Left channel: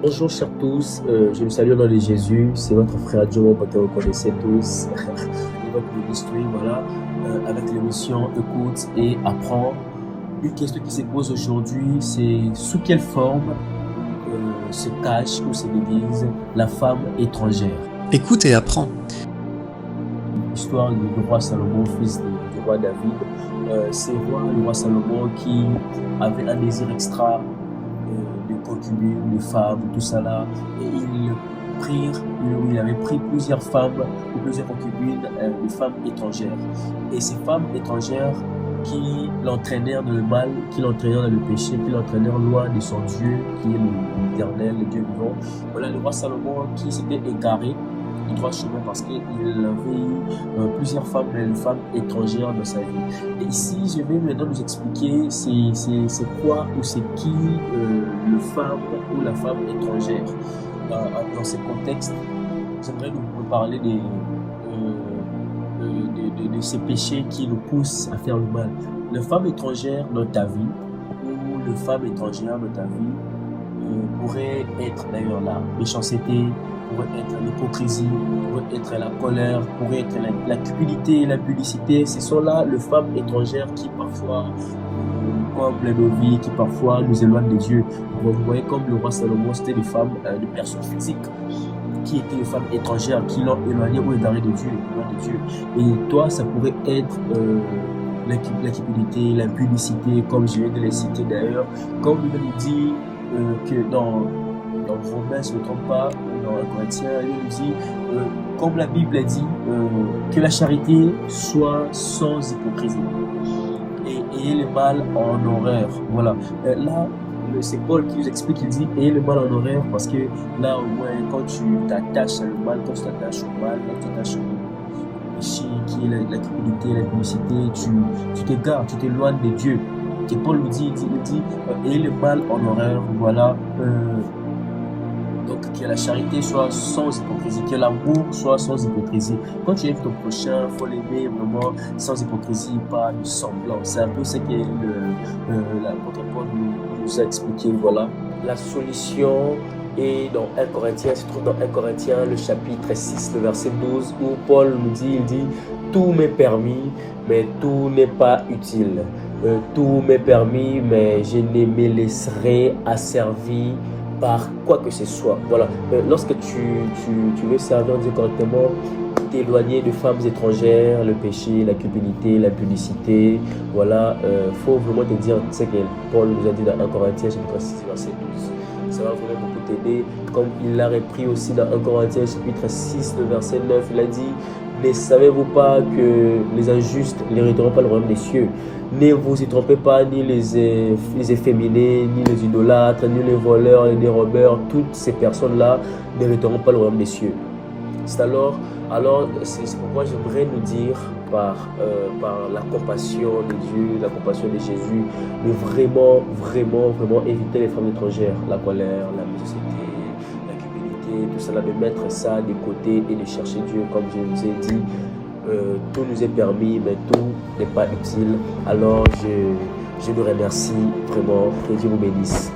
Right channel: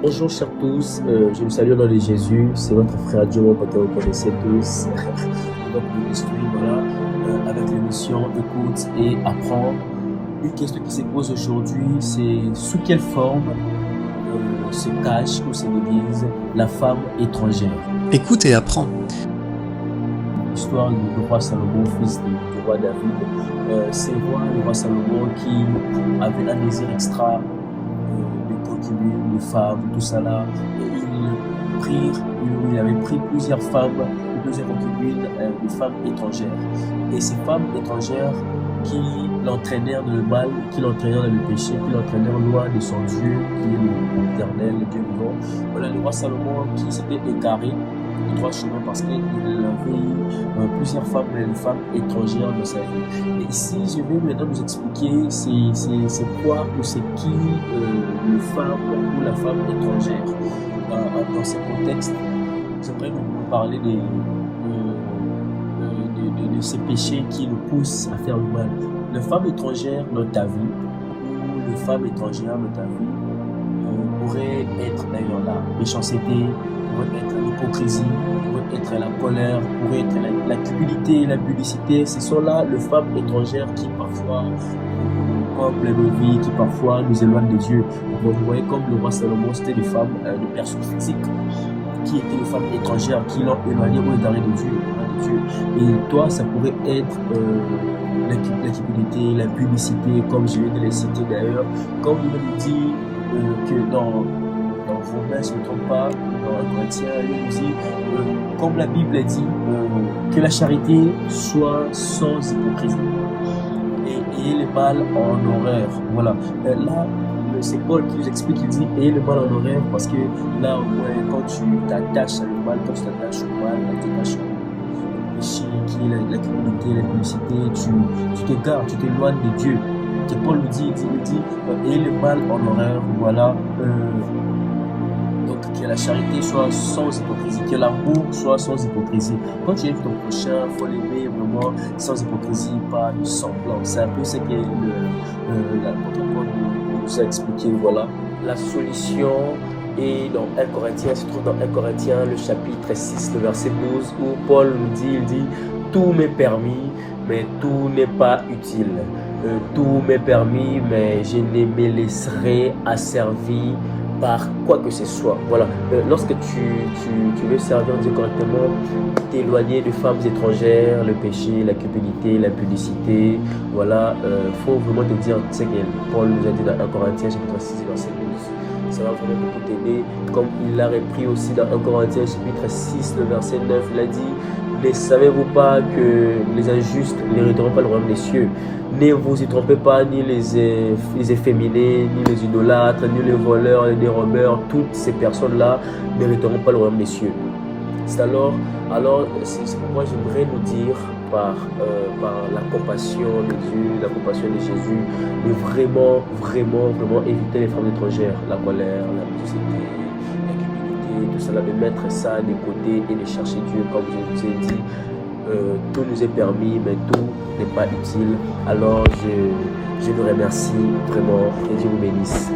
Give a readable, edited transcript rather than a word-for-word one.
Bonjour chers tous, je vous salue au nom de Jésus, c'est votre frère Joe que vous connaissez tous. Et donc ministry, voilà, avec l'émission Écoute et Apprends. Une question qui se pose aujourd'hui, c'est sous quelle forme se cache ou se déguise la femme étrangère? Écoute et apprends. L'histoire du roi Salomon, fils du roi David. C'est le roi Salomon qui avait un désir extra de concubines, de femmes, tout ça là. Et il avait pris plusieurs femmes ou plusieurs concubines, de femmes étrangères. Et ces femmes étrangères qui l'entraînèrent dans le mal, qui l'entraînèrent dans le péché, qui l'entraînèrent loin de son Dieu, qui est l'Éternel, le Dieu vivant. Voilà le roi Salomon qui s'était égaré du droit chemin parce qu'il avait eu plusieurs femmes, mais une femme étrangère dans sa vie. Et ici, je vais maintenant vous expliquer c'est quoi ou c'est qui le femme ou la femme étrangère. Dans ce contexte, j'aimerais vous parler de ces péchés qui nous poussent à faire le mal. La femme étrangère dans ta vie ou le femme étrangère dans ta vie pourrait être d'ailleurs la méchanceté, pourrait être l'hypocrisie, pourrait être la colère, pourrait être la cupidité, la publicité. Ce sont là les femmes étrangères qui parfois comblent nos vies, qui parfois nous éloignent de Dieu. Vous voyez comme le roi Salomon, c'était des femmes de personnes physiques qui étaient les femmes étrangères, qui l'ont éloigné ou égaré de Dieu, Et toi, ça pourrait être la cupidité, la publicité, comme je viens de les citer d'ailleurs. Comme il nous dit que dans Romains, si je ne me trompe pas, ou dans 1 Corinthiens, il nous dit, comme la Bible dit, que la charité soit sans hypocrisie. Et ayez le mal en horreur. Voilà. Là, c'est Paul qui nous explique, il dit ayez le mal en horreur parce que là, au moins, quand tu t'attaches à le mal, quand tu t'attaches au mal, quand tu t'attaches au péché, qui est la criminalité, la publicité, tu t'égares, tu t'éloignes de Dieu. Et Paul nous dit, ayez le mal en horreur. Voilà. Donc, que la charité soit sans hypocrisie, que l'amour soit sans hypocrisie. Quand tu aimes ton prochain, il faut l'aimer vraiment sans hypocrisie, pas de semblant. C'est un peu ce que l'apôtre Paul nous a expliqué. Voilà. La solution est dans 1 Corinthiens, se trouve dans 1 Corinthiens, le chapitre 6, le verset 12, où Paul nous dit, il dit, tout m'est permis, mais tout n'est pas utile. Tout m'est permis, mais je ne me laisserai asservir par quoi que ce soit. Voilà. Lorsque tu veux servir Dieu correctement, t'éloigner des femmes étrangères, le péché, la cupidité, la publicité, voilà, faut vraiment te dire ce que Paul nous a dit dans 1 Corinthiens chapitre 6 verset 12. Ça va vraiment beaucoup t'aider. Comme il l'a repris aussi dans 1 Corinthiens chapitre 6 le verset 9, il a dit, ne savez-vous pas que les injustes n'hériteront pas le royaume des cieux? Ne vous y trompez pas, ni les efféminés, ni les idolâtres, ni les voleurs, ni les robbers, toutes ces personnes-là n'hériteront pas le royaume des cieux. C'est alors c'est pourquoi j'aimerais nous dire par la compassion de Dieu, la compassion de Jésus, de vraiment éviter les femmes étrangères, la colère, la méchanceté, la cupidité, tout cela, de mettre ça de côté et de chercher Dieu, comme je vous ai dit. Tout nous est permis, mais tout n'est pas utile. Alors je vous remercie vraiment, que Dieu vous bénisse.